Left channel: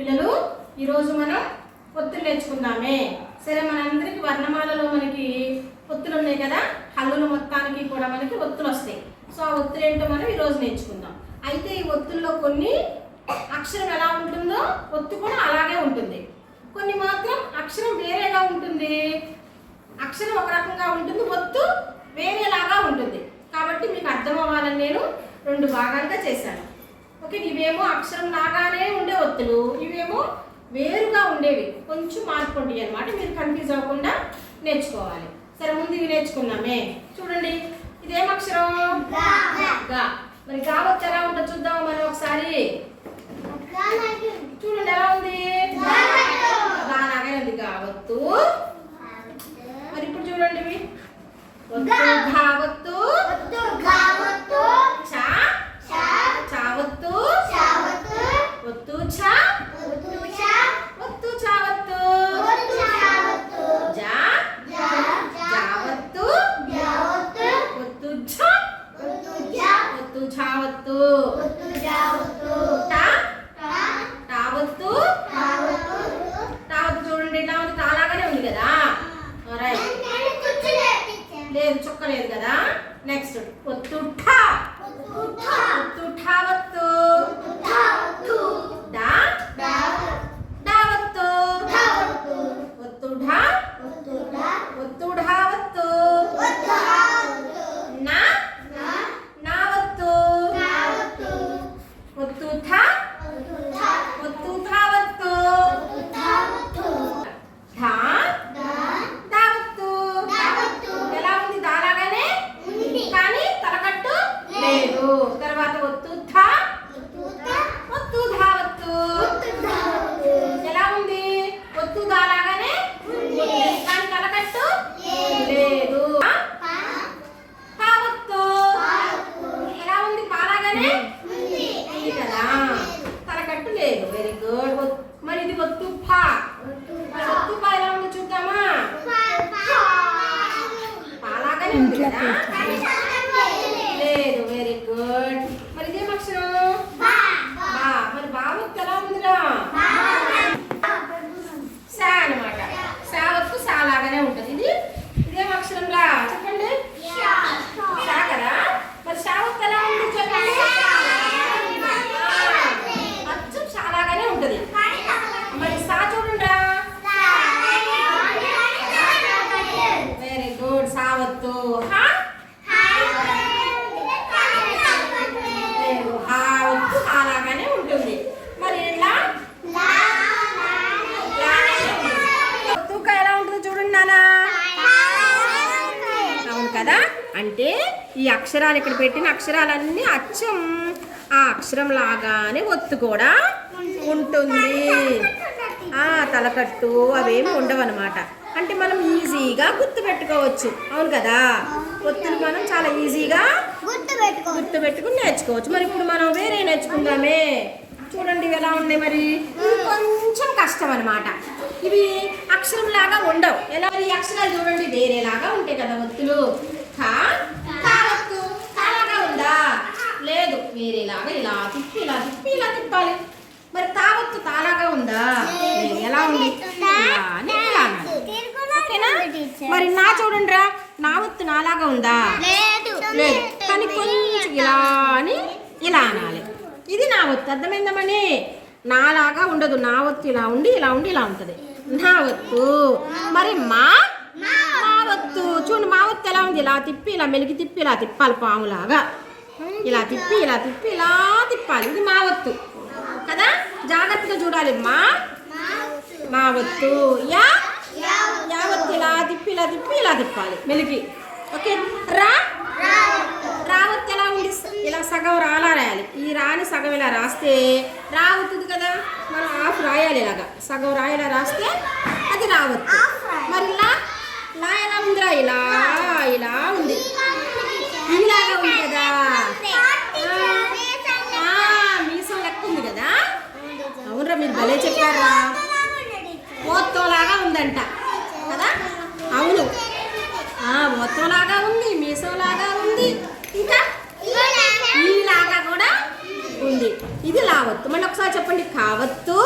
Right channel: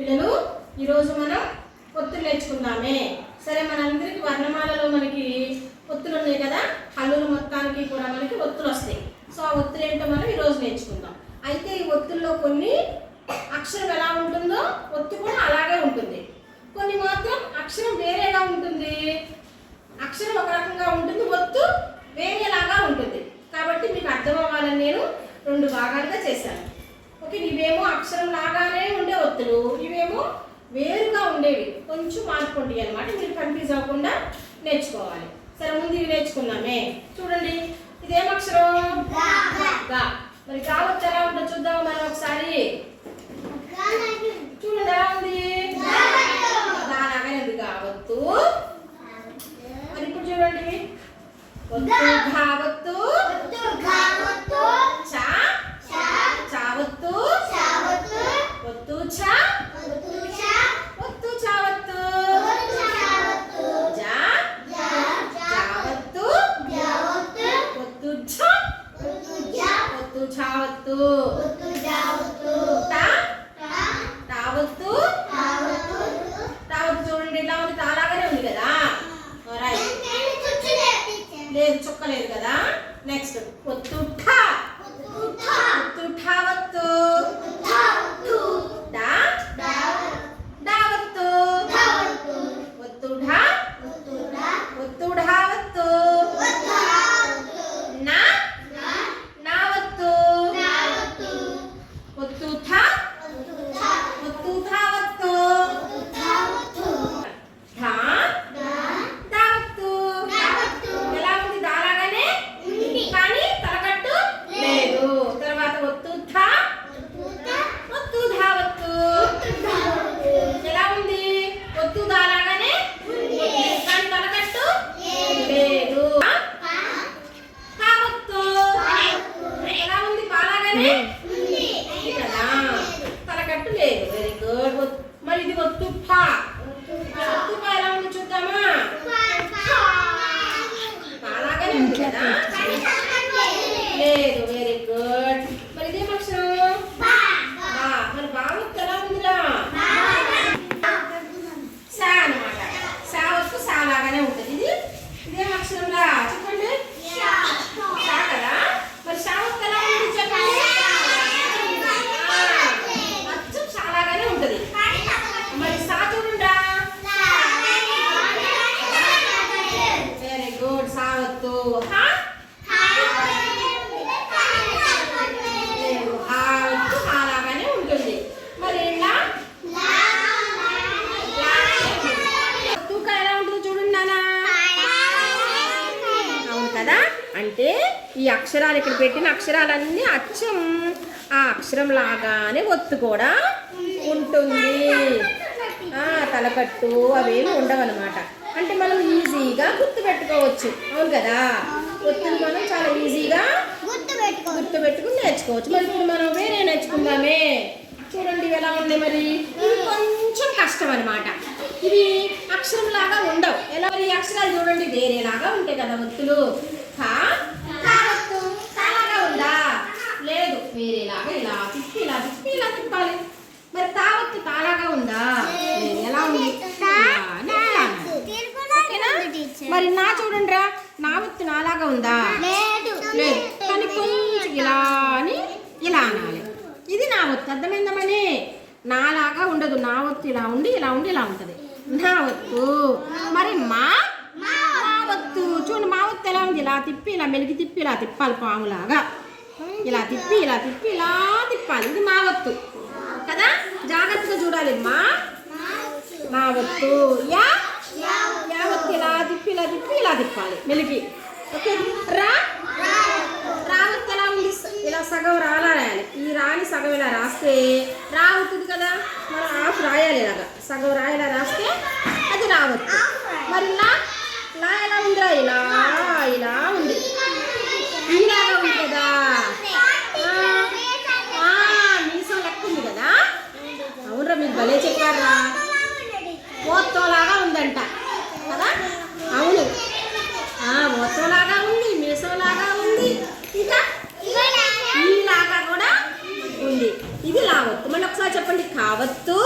పిల్లలు ఈరోజు మనం ఒత్తులు నేర్చుకుందామే. సరే, మనందరికి వర్ణమాలలో మనకి ఒత్తులు ఉన్నాయి కదా, హల్లులు మొత్తానికి కూడా మనకి ఒత్తులు వస్తాయి. సో ఆ ఒత్తులు ఏంటో మనం ఈరోజు నేర్చుకుందాం. అయితే ఈ ఒత్తుల్లో కొన్ని అక్షరం ఎలా ఉంటుందో ఒత్తు కూడా అలాగే ఉంటుంది, కొన్ని మాత్రం అక్షరం వేరేగా ఉంటుంది. అక్షరం ఒక రకంగా ఉంటుంది, ఒత్తు వేరేలాగా ఉంటుంది. కాబట్టి మీకు అర్థం అవ్వాలని నేను రెండు భాగాలుగా చేశాను. ఓకే, ఇవేమో అక్షరం లాగానే ఉండే ఒత్తులు, ఇవేమో వేరుగా ఉండేవి, కొంచెం మార్పు ఉంటాయి అన్నమాట. మీరు కన్ఫ్యూజ్ అవ్వకుండా నేర్చుకోవాలి. సరే, ముందు ఇవి నేర్చుకుందామే. చూడండి, ఇదేం అక్షరం? గా. మరి గా ఒత్తు ఎలా ఉంటుందో చూద్దాం మనం ఒకసారి. చూడండి ఎలా ఉంది, గాలాగే ఉంది గా ఒత్తు. మరి ఇప్పుడు చూడండి, ఒత్తు ఘా ఒత్తు, చా చావత్తు, ఒత్తు ఛ, ఒత్తు చావత్తు, జా జావత్తు, ఒత్తు ఝ, ఒత్తు ఛావత్తు, టా టావత్తు, టావత్తు. చూడండి ఇట్లా ఉంది, తాలాగానే ఉంది కదా. రైట్, లేదు చుక్క లేదు కదా. నెక్స్ట్ ఒత్తు ఠా, ఒత్తు ఠావత్తు, డా డావత్తు, ఒత్తు ఢా, ఒత్తు ఢావత్తు, నా నావత్తు, ఒత్తు ఠా, ఒత్తు ఠావత్తు, ఢా దావత్తు. ఎలా ఉంది? దాలాగానే కానీ తలకట్టు లేదు. తర్వాత ఒత్తు థా, ఒత్తు ధావత్తు. ఎలా ఉంది? ఒత్తు దాలాగానే కానీ తలకట్టు లేదు. ధావత్తు. ఎలా ఉంది? పాలాగానే ఉంది కదా, తలకట్టు లేదు. Very good. మరి ఇది ఒత్తు ఫా. ఒత్తు ఫా ఎలా ఉంది చూద్దామా? పాలాగానే ఉంది కదా, లేదు. Very good. మరి ఇదేం అక్షరం? బా. మరి బా ఒత్తు ఎలా ఉందిరా? సా అన్నమాట. సా ఒత్తు సా లాగానే ఉంటుంది. ఇదేం అక్షరంలా చెప్పండి? సా కదా. మరి సా ఒత్తు ఎలా ఉంది చెప్పండి? అచ్చం సా లాగానే ఉంటుంది. మరి సా చూడండిరా. Very good. సా ఒత్తు హా, అలాగానే ఉంటుంది. మరి ఇలా తూక ఎలా ఉంటుందో చూడండి నాన్న. అవును కదా, అంటే ఈ అక్షరాలు ఇక్కడ పెట్టిన అక్షరాలన్నీ అచ్చం ఆ అక్షరం లాగానే ఒత్తు కూడా ఉంటుంది. తలకట్టు అవేమి ఉండవన్నమాట. అంటే మనం ఈజీగా గుర్తు పెట్టుకోవచ్చు. అవును కదా, ఒత్తులు మనం చాలా ఈజీగా గుర్తు పెట్టుకుని నేర్చుకోవచ్చు. మరి ఇప్పుడు మనం వేరే నేర్చుకుందామే. చూడండి ఇవి ఎలా ఉన్నాయి. మరి ఇవి కొంచెం కష్టం అనమాట. ఇవి అక్షరం లాగా ఉండవు. ఎలా? ఈ అక్షరాలు చూడండి వేరేలాగా ఉంటాయి కదా ఒత్తులు. కా ఒత్తు చాలాగా ఉందా? లేదు, వేరేలాగా ఇలా తిప్పి ఇలా తిప్పి ఇలా తిప్పాలి. మరి తావత్తు తాలాగా ఉందా? లేదు. ఎలా ఉంది? ఇలా అని ఇలా అనాలి. ఓకేనా? మరి నా చూడండి రా, నా ఒత్తు నాలాగా ఉందా? లేదు, కానీ కొంచెం ఇలా అని ఇలా అనాలి. ఇది నా ఒత్తు. అర్థమైందమని? నాలాగా ఉండదు. నా ఒత్తు ఇలా ఉండి ఇలా ఉండి ఇలా ఉంటుంది నా ఒత్తు. మరి మా ఒత్తు చూడండి, మా ఒత్తు ఎలా ఉంది? ఇలా తిప్పి ఇలా మెలిగి తిప్పి ఇలా తిప్పాలి, పాములాగా ఇలా తిప్పి ఇలా తిప్పి ఇలా తిప్పాలి. ఇది మా ఒత్తు కదా, జాగ్రత్తగా చూడాలి. మా ఒత్తు. యా ఒత్తు ఇలా తిప్పి ఇలా తిప్పి ఇలా తిప్పాలి మెలిగి. ఓకే. రా ఒత్తు ఎలా ఉంది? ఇలా సగం రాలా రాయాలి. ఈ రాని సగం ఇలా రాస్తే రా అవుతుంది కదా, మనం హాఫ్ రాయాలి. ఇలాగా సగం రాయేలా రాస్తే అది రావత్తు. మరి లా ఎలా ఉందిరా? ఇలా ఇలా ఉంది, ఇలాగా ఉంది కదా, మీసం లెక్క ఉంది కదా. అవునరా, మీరు భలే చెప్పారా. ఓత్తోలాగా ఉందంట కదా. అవును, ఓత్తోలాగా ఉంది, మీసంలాగా ఉంది, ఇంకా ఈలాగా కూడా ఉంది. ఇది లావత్తు. మళ్ళీ ఒకసారి చెప్పండి. కావత్తు,